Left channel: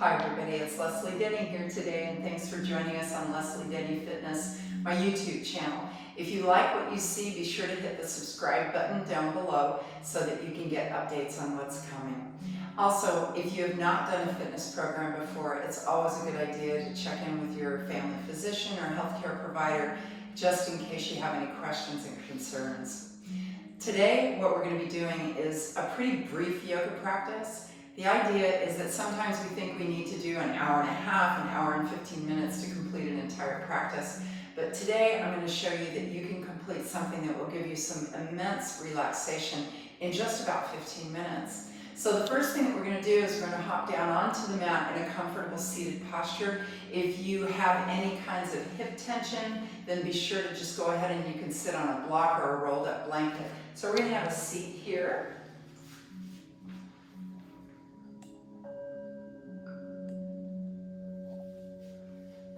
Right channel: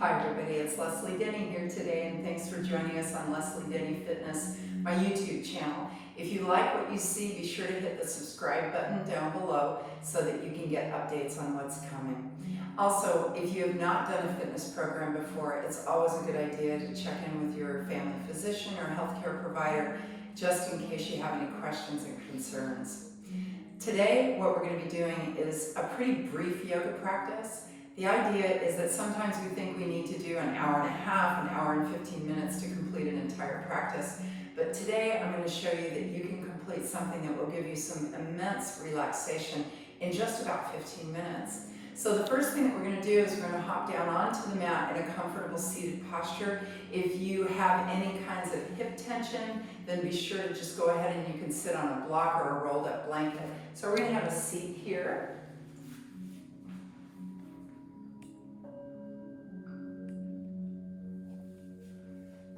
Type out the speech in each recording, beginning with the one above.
Hi everybody, it's Leslie Denny here today, and thanks for joining us on Leslie Denny Fitness, my YouTube channel. If you like what you see, be sure to hit the subscribe button down below so that you can get updates on what's coming. Also, if you have not done a fitness program before, it's always a good idea to check in with your family physician or healthcare provider just in case you have any questions and concerns. Today, what we're going to be doing is a pretty brief yoga practice. The idea is that sometimes we think we need to do an hour and a half, an hour and 15 minutes to complete an entire practice. But today I'm going to show you that you can complete something that will give you some immense relaxation in just about 15 minutes. So the first thing that we're going to do is we're going to hop down onto the mat in a comfortable seated posture. If you have any kinds of hip tension, then be sure to just go ahead and you can sit on a block or a rolled up blanket. So we're going to have a seat here.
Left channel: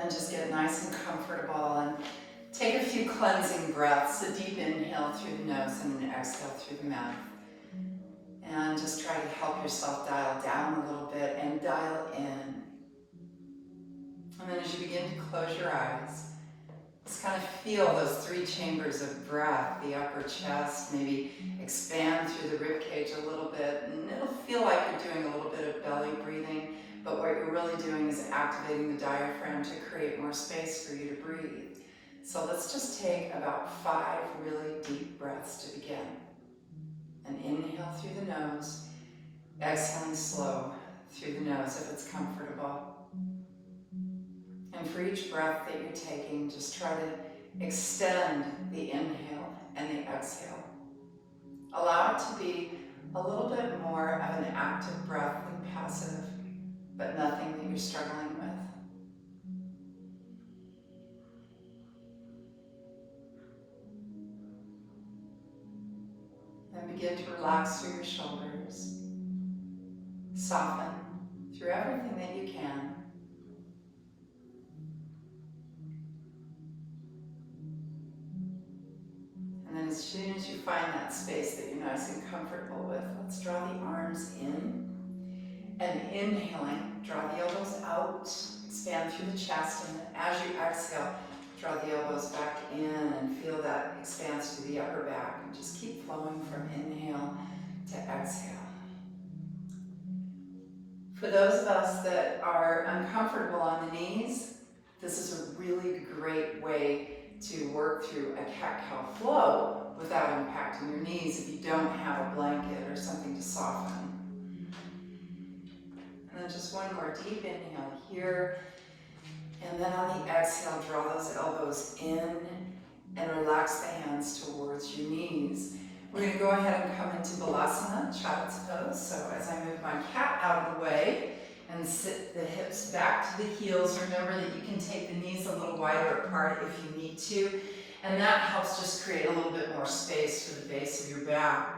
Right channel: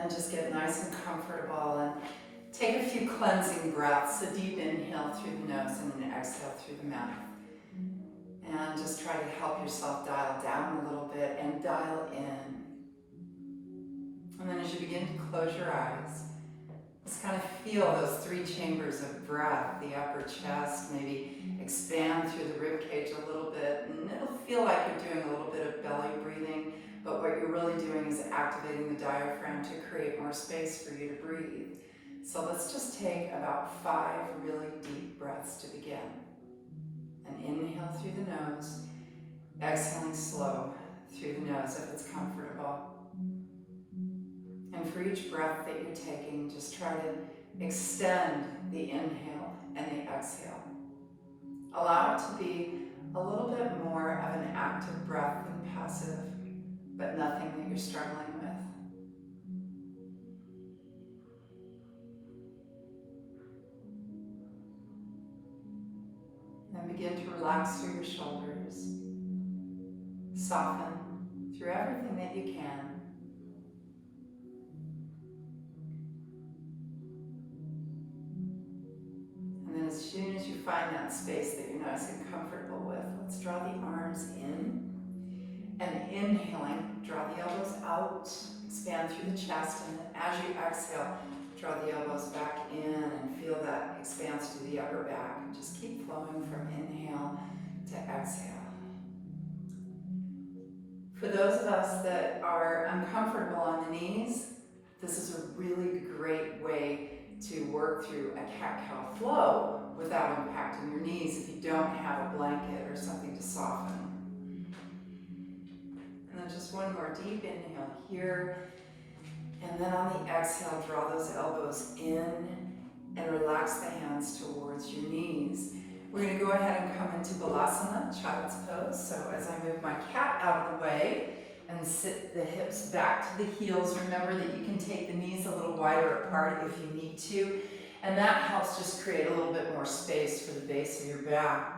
And just get nice and comfortable and take a few cleansing breaths, a deep inhale through the nose and an exhale through the mouth. And just try to help yourself dial down a little bit and dial in. And then as you begin to close your eyes, just kind of feel those three chambers of breath, the upper chest, maybe expand through the rib cage a little bit, and it'll feel like you're doing a little bit of belly breathing. But what you're really doing is activating the diaphragm to create more space for you to breathe. So let's just take about 5 really deep breaths to begin. An inhale through the nose, exhaling slow through the nose if it's comfortable. And for each breath that you're taking, just try to extend the inhale and the exhale. Allow it to be a little bit more of an active breath than passive, but nothing that you're struggling with. And begin to relax through your shoulders. Soften through everything that you can. And then as soon as you find that space that you're nice and comfortable with, let's draw the arms in. And inhaling, draw the elbows out, expand through the chest, and as you exhale, draw the elbows back in and feel that expanse through the upper back. And just keep flowing from inhale to exhale. For those of us that are uncomfortable on the knees, this is a really great way to work through a cat-cow flow without impacting your knees if you don't have a blanket or something to soften. And then just one more deep inhale here. And then on the exhale, draw those elbows in and relax the hands towards your knees. We're going to go ahead and come into Balasana, child's pose. So as I move my cat out of the way and sit the hips back to the heels, remember that you can take the knees a little wider apart if you need to. And that helps just create a little bit more space for the base of your back.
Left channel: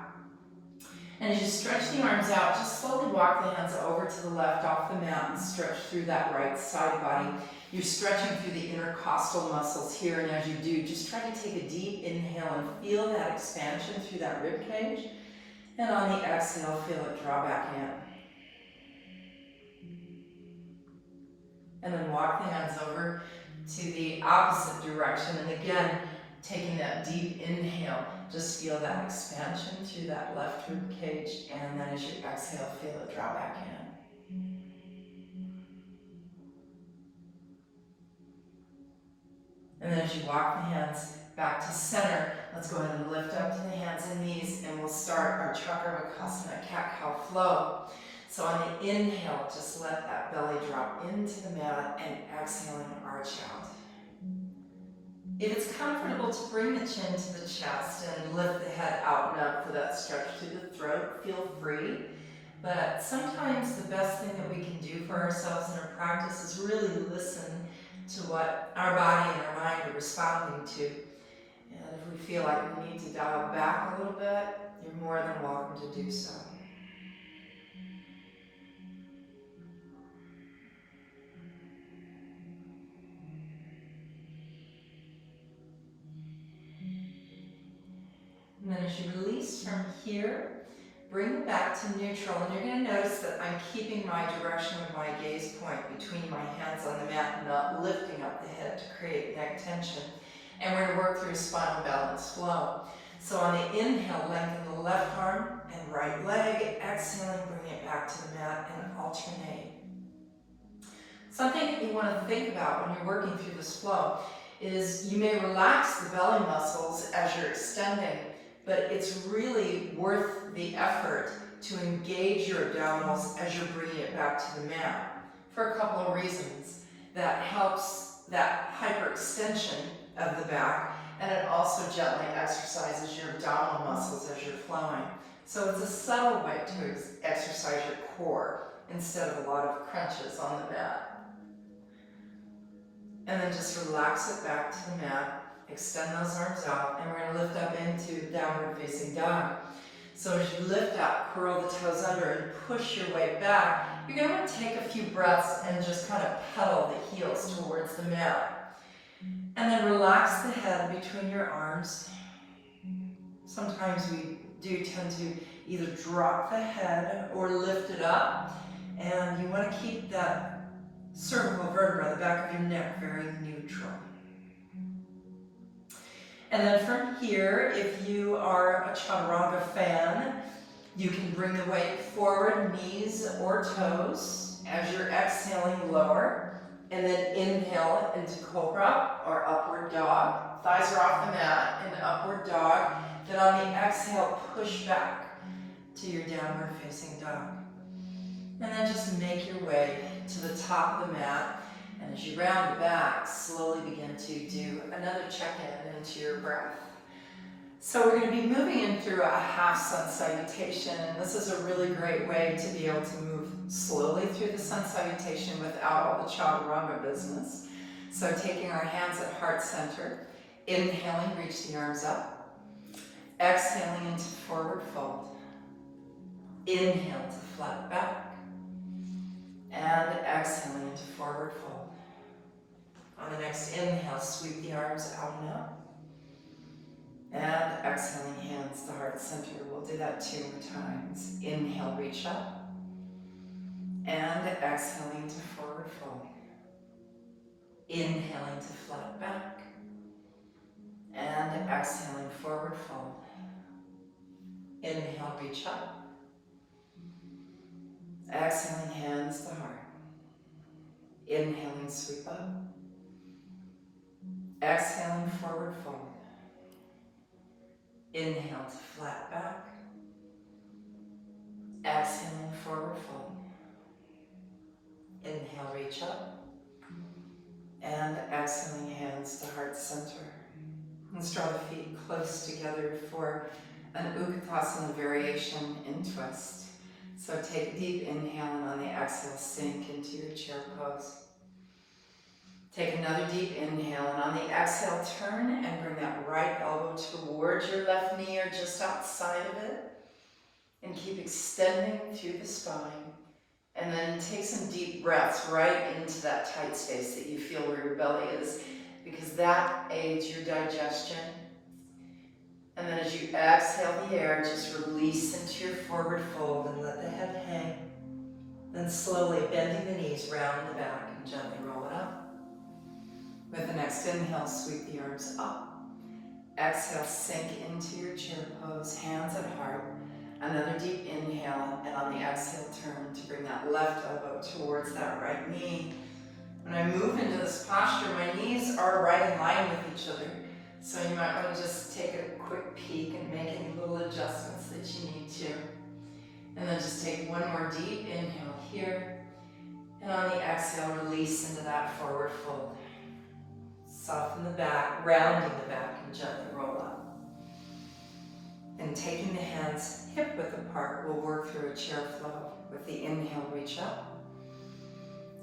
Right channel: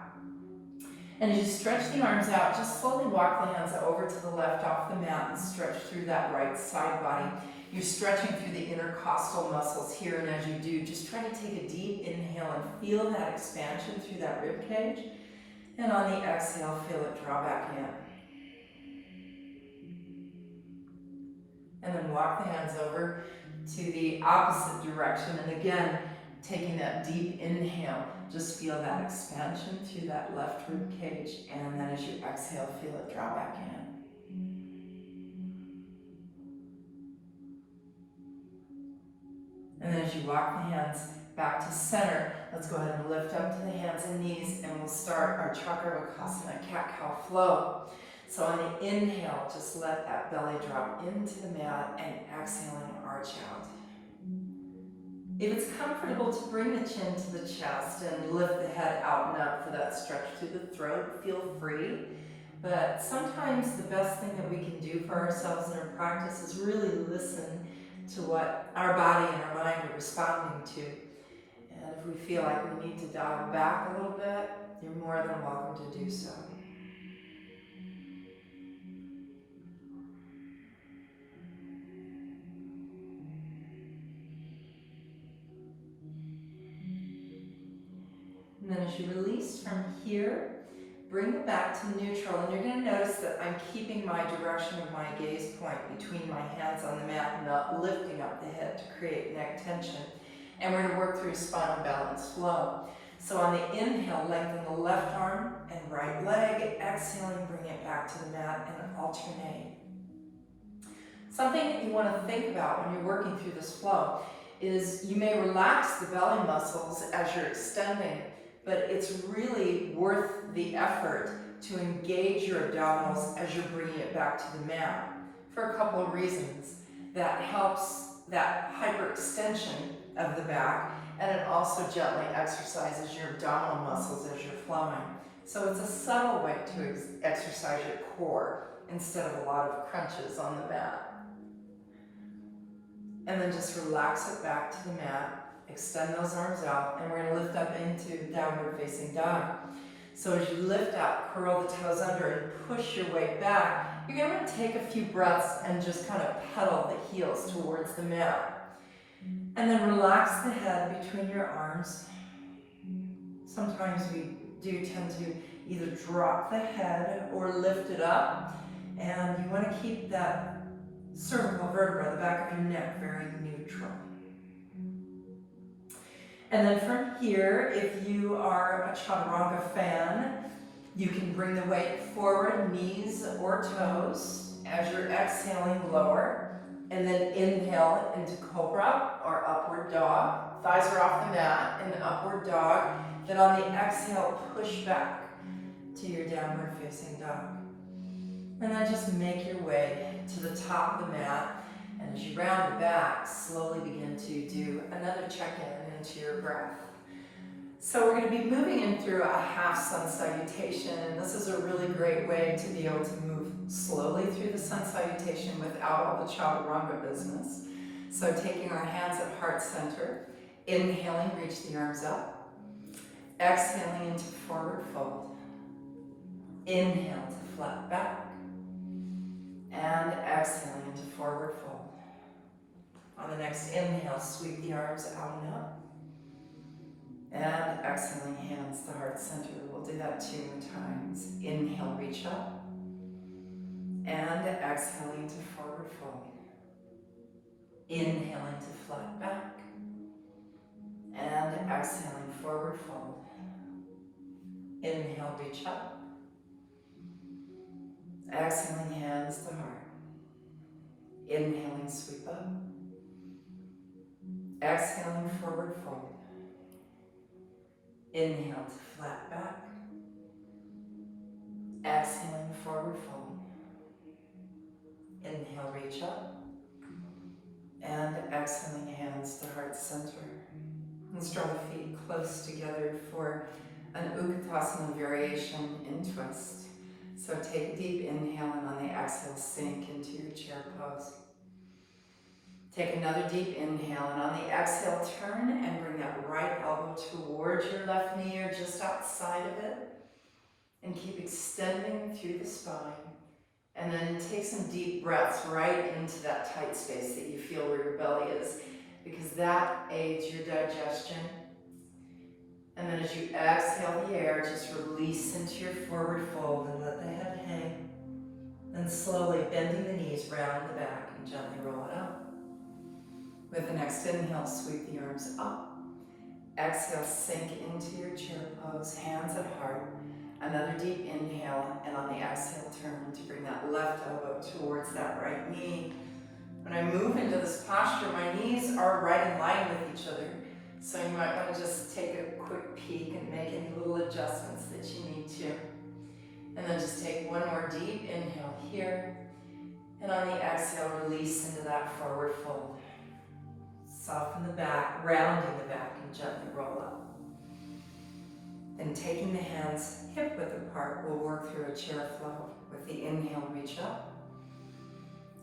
And as you stretch the arms out, just slowly walk the hands over to the left off the mat and stretch through that right side body. You're stretching through the intercostal muscles here, and as you do, just try to take a deep inhale and feel that expansion through that rib cage. And on the exhale, feel it draw back in. And then walk the hands over to the opposite direction. And again, taking that deep inhale, just feel that expansion through that left rib cage, and then as you exhale, feel it draw back in. And then as you walk the hands back to center, let's go ahead and lift up to the hands and knees, and we'll start our Chakravarkasana cat-cow flow. So on the inhale, just let that belly drop into the mat, and exhaling, arch out. If it's comfortable to bring the chin to the chest and lift the head out and up for that stretch through the throat, feel free. But sometimes the best thing that we can do for ourselves in our practice is really listen to what our body and our mind are responding to. And if we feel like we need to dial back a little bit, you're more than welcome to do so. And then as you release from here, bring it back to neutral, and you're going to notice that I'm keeping my direction of my gaze point between my hands on the mat, not lifting up the head to create neck tension. And we're going to work through spinal balance flow. So on the inhale, lengthen the left arm and right leg. Exhaling, bring it back to the mat and alternate. Something that you want to think about when you're working through this flow is you may relax the belly muscles as you're extending, but it's really worth the effort to engage your abdominals as you're bringing it back to the mat for a couple of reasons. That helps that hyperextension of the back, and it also gently exercises your abdominal muscles as you're flowing. So it's a subtle way to exercise your core instead of a lot of crunches on the mat. And then just relax it back to the mat, extend those arms out, and we're going to lift up into downward facing dog. So as you lift up, curl the toes under and push your way back, you're going to take a few breaths and just kind of pedal the heels towards the mat. And then relax the head between your arms. Sometimes we do tend to either drop the head or lift it up, and you want to keep that cervical vertebra, the back of your neck, very neutral. And then from here, if you are a chaturanga fan, you can bring the weight forward, knees or toes, as you're exhaling lower, and then inhale into cobra or upward dog. Thighs are off the mat in upward dog. Then on the exhale, push back to your downward facing dog. And then just make your way to the top of the mat. And as you round back, slowly begin to do another check-in into your breath. So we're going to be moving in through a half sun salutation, and this is a really great way to be able to move slowly through the sun salutation without all the chaturanga business. So taking our hands at heart center, inhaling, reach the arms up. Exhaling into forward fold. Inhale to flat back. And exhaling into forward fold. On the next inhale, sweep the arms out and up. And exhaling, hands to heart center. We'll do that 2 more times. Inhale, reach up. And exhaling to forward fold. Inhaling to flat back. And exhaling, forward fold. Inhale, reach up. Exhaling, hands to heart. Inhaling, sweep up. Exhaling, forward fold. Inhale to flat back. Exhaling, forward fold. Inhale, reach up. And exhaling, hands to heart center. Let's draw the feet close together for an Utkatasana variation in twist. So take a deep inhale, and on the exhale, sink into your chair pose. Take another deep inhale, and on the exhale, turn and bring that right elbow towards your left knee or just outside of it. And keep extending through the spine. And then take some deep breaths right into that tight space that you feel where your belly is, because that aids your digestion. And then as you exhale the air, just release into your forward fold and let the head hang. Then slowly bending the knees, round the back and gently roll it up. With the next inhale, sweep the arms up. Exhale, sink into your chair pose, hands at heart. Another deep inhale, and on the exhale, turn to bring that left elbow towards that right knee. When I move into this posture, my knees are right in line with each other. So you might want to just take a quick peek and make any little adjustments that you need to. And then just take one more deep inhale here. And on the exhale, release into that forward fold. Soften the back, rounding the back, and gently roll up. Then taking the hands hip width apart, we'll work through a chair flow. With the inhale, reach up.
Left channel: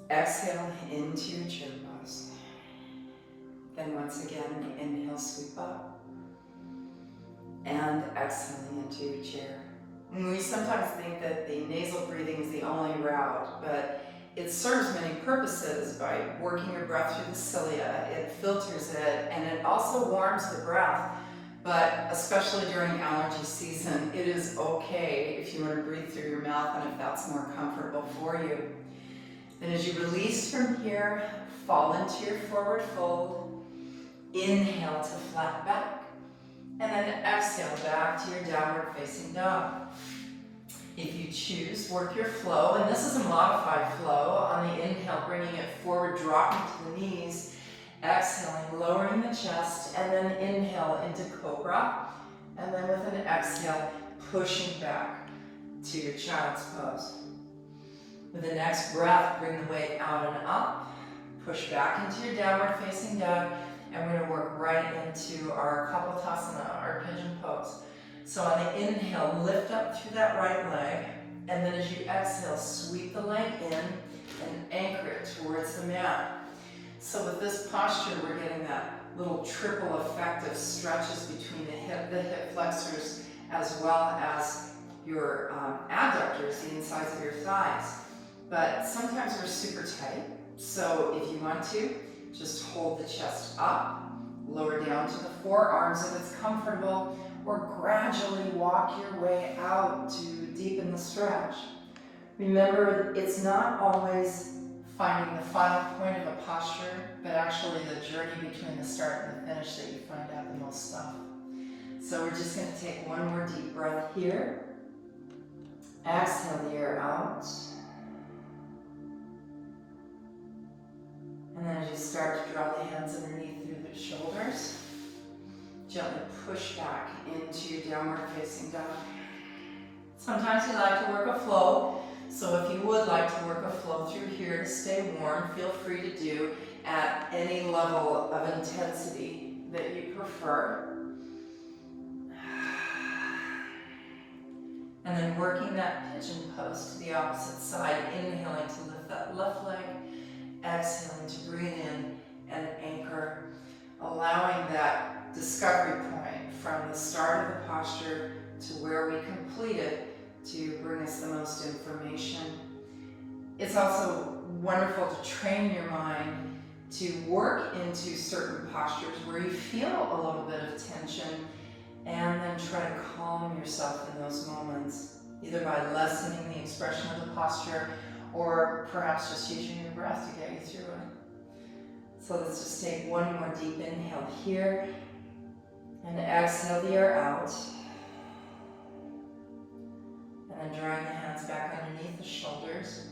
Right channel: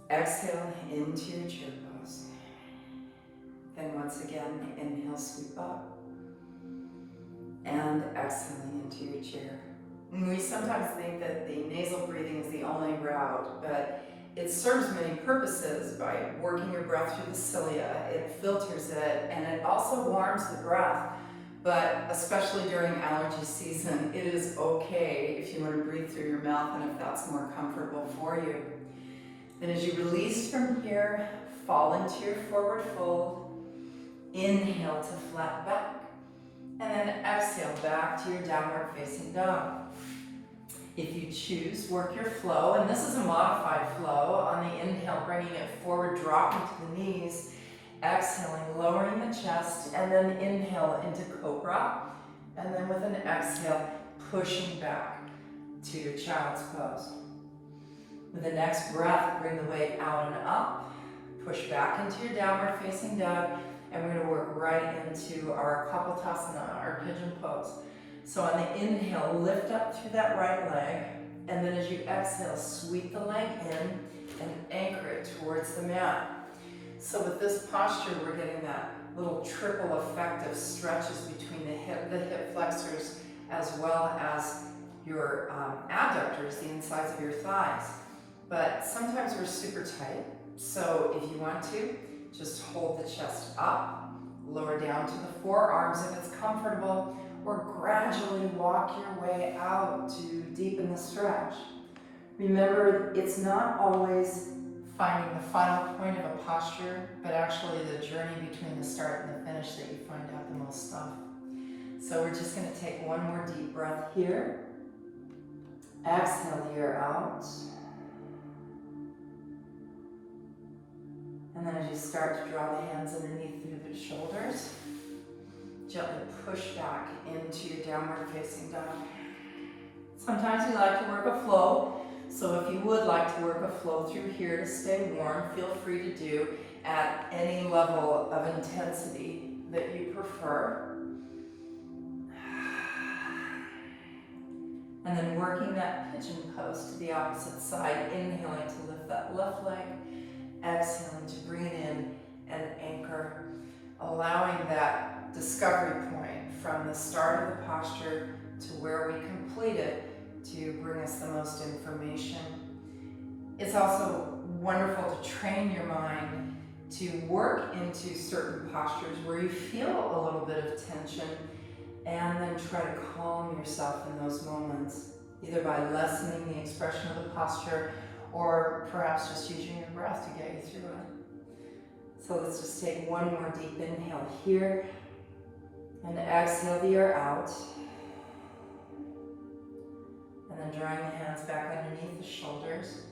Exhale into your chair pose. Then once again, inhale, sweep up. And exhaling into your chair. And we sometimes think that the nasal breathing is the only route, but it serves many purposes by working your breath through the cilia. It filters it, and it also warms the breath. but especially during allergy season, it is okay if you want to breathe through your mouth and if that's more comfortable for you. Then as you release from here, fall into your forward fold. Inhale to flat back. And then exhale back to your downward facing dog. If you choose, work your flow, and this is a modified flow. On the inhale, bringing it forward, dropping to the knees. Exhaling, lowering the chest, and then inhale into cobra. And then with an exhale, pushing back to your child's pose. With the next breath, bring the weight out and up. Push back into your downward facing dog. And we're going to work right into our Kapotasana, our pigeon pose. So on the inhale, lift up through that right leg. And then as you exhale, sweep the leg in and anchor it towards the mat. So with this posture, we're getting that little triple effect of stretches between the hip flexors, as well as your adductors, the insides of your thighs. But sometimes we're super tight. So if you want to, just hold the chest up, lower down to the forearms if it's comfortable, or gradually walk your way out to deepen the stretch. Remember, it's not always finding the final point of a posture, but actually the journey between the start and the finish that you find out the most stuff. So we're just going to take one more deep breath here. Exhale the air out. And then as you start to draw the hands underneath through the shoulders, gently push back into your downward facing dog. Sometimes you like to work a flow, so if you would like to work a flow through here to stay warm, feel free to do at any level of intensity that you prefer. And then working that pigeon pose to the opposite side, inhaling to lift that left leg, exhaling to bring in and anchor, allowing that discovery point from the start of the posture to where we complete it to bring us the most information. It's also wonderful to train your mind to work into certain postures where you feel a little bit of tension, and then try to calm yourself in those moments, either by lessening the expression of the posture or perhaps just using your breath to get you through it. So let's just take one more deep inhale here and exhale the air out. And then drawing the hands back underneath the shoulders,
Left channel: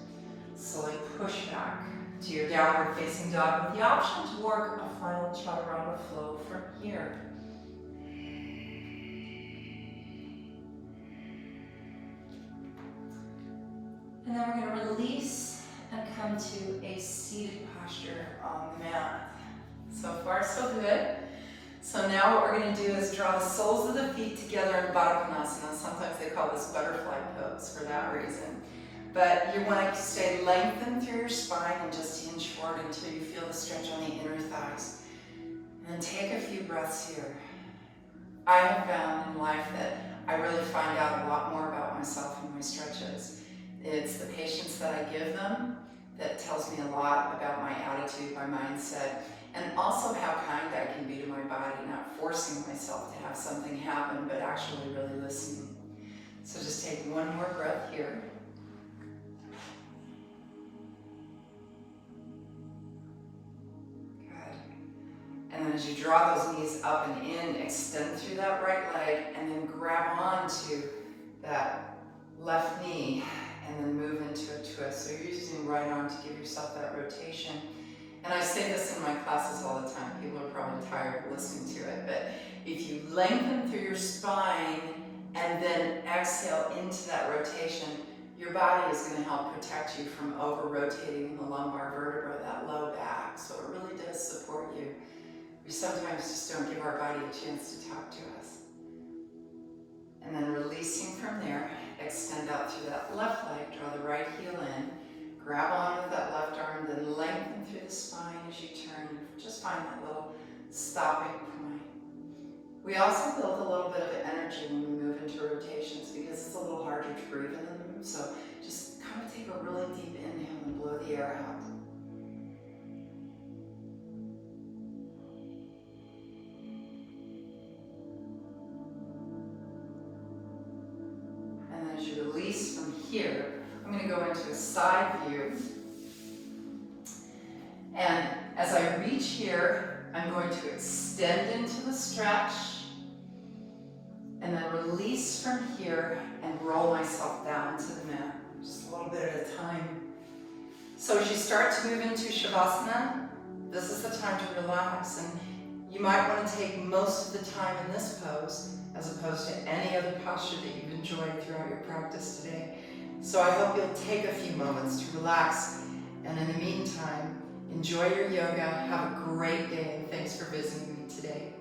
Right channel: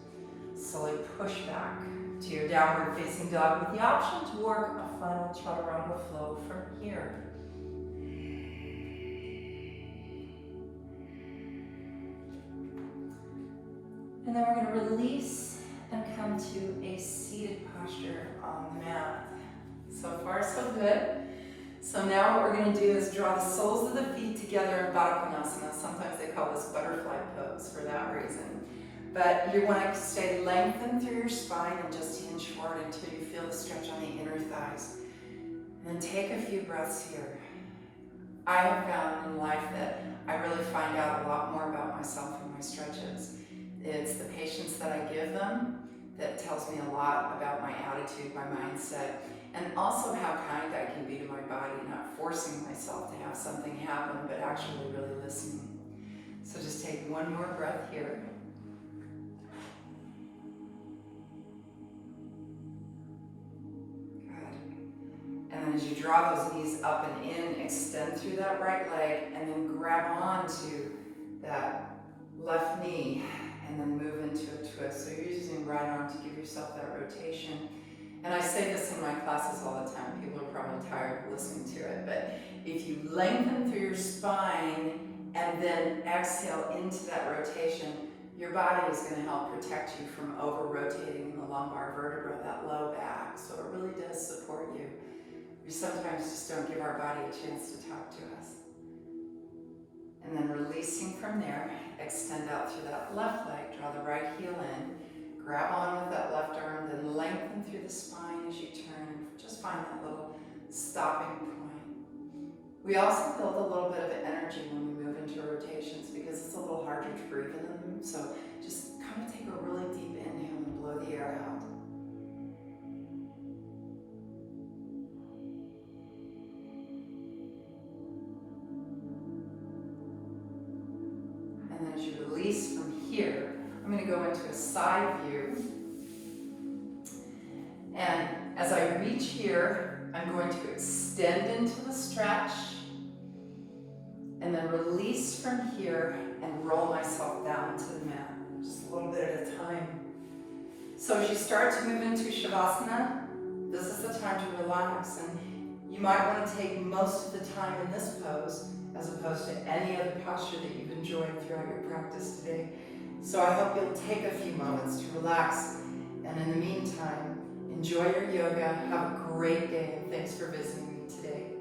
slowly push back to your downward facing dog with the option to work a final chaturanga flow from here. And then we're going to release and come to a seated posture on the mat. So far, so good. So now what we're going to do is draw the soles of the feet together in Baddha Konasana. Sometimes they call this butterfly pose for that reason. But you want to stay lengthened through your spine and just hinge forward until you feel the stretch on the inner thighs. And then take a few breaths here. I have found in life that I really find out a lot more about myself in my stretches. It's the patience that I give them that tells me a lot about my attitude, my mindset, and also how kind I can be to my body, not forcing myself to have something happen, but actually really listening. So just take one more breath here. Good. And then as you draw those knees up and in, extend through that right leg, and then grab onto that left knee, and then move into a twist. So you're using right arm to give yourself that rotation. And I say this in my classes all the time. People are probably tired of listening to it, but if you lengthen through your spine and then exhale into that rotation, your body is going to help protect you from over-rotating in the lumbar vertebra, that low back. So it really does support you. We sometimes just don't give our body a chance to talk to us. And then releasing from there, extend out through that left leg, draw the right heel in, grab on with that left arm, then lengthen through the spine as you turn, and just find that little stopping point. We also build a little bit of energy when we move into rotations because it's a little harder to breathe in them, so just kind of take a really deep inhale and blow the air out. going to go into a side view. And as I reach here, I'm going to extend into the stretch and then release from here and roll myself down to the mat. Just a little bit at a time. So as you start to move into Savasana, this is the time to relax, and you might want to take most of the time in this pose as opposed to any other posture that you've enjoyed throughout your practice today. So I hope you'll take a few moments to relax, and in the meantime, enjoy your yoga, have a great day, and thanks for visiting me today.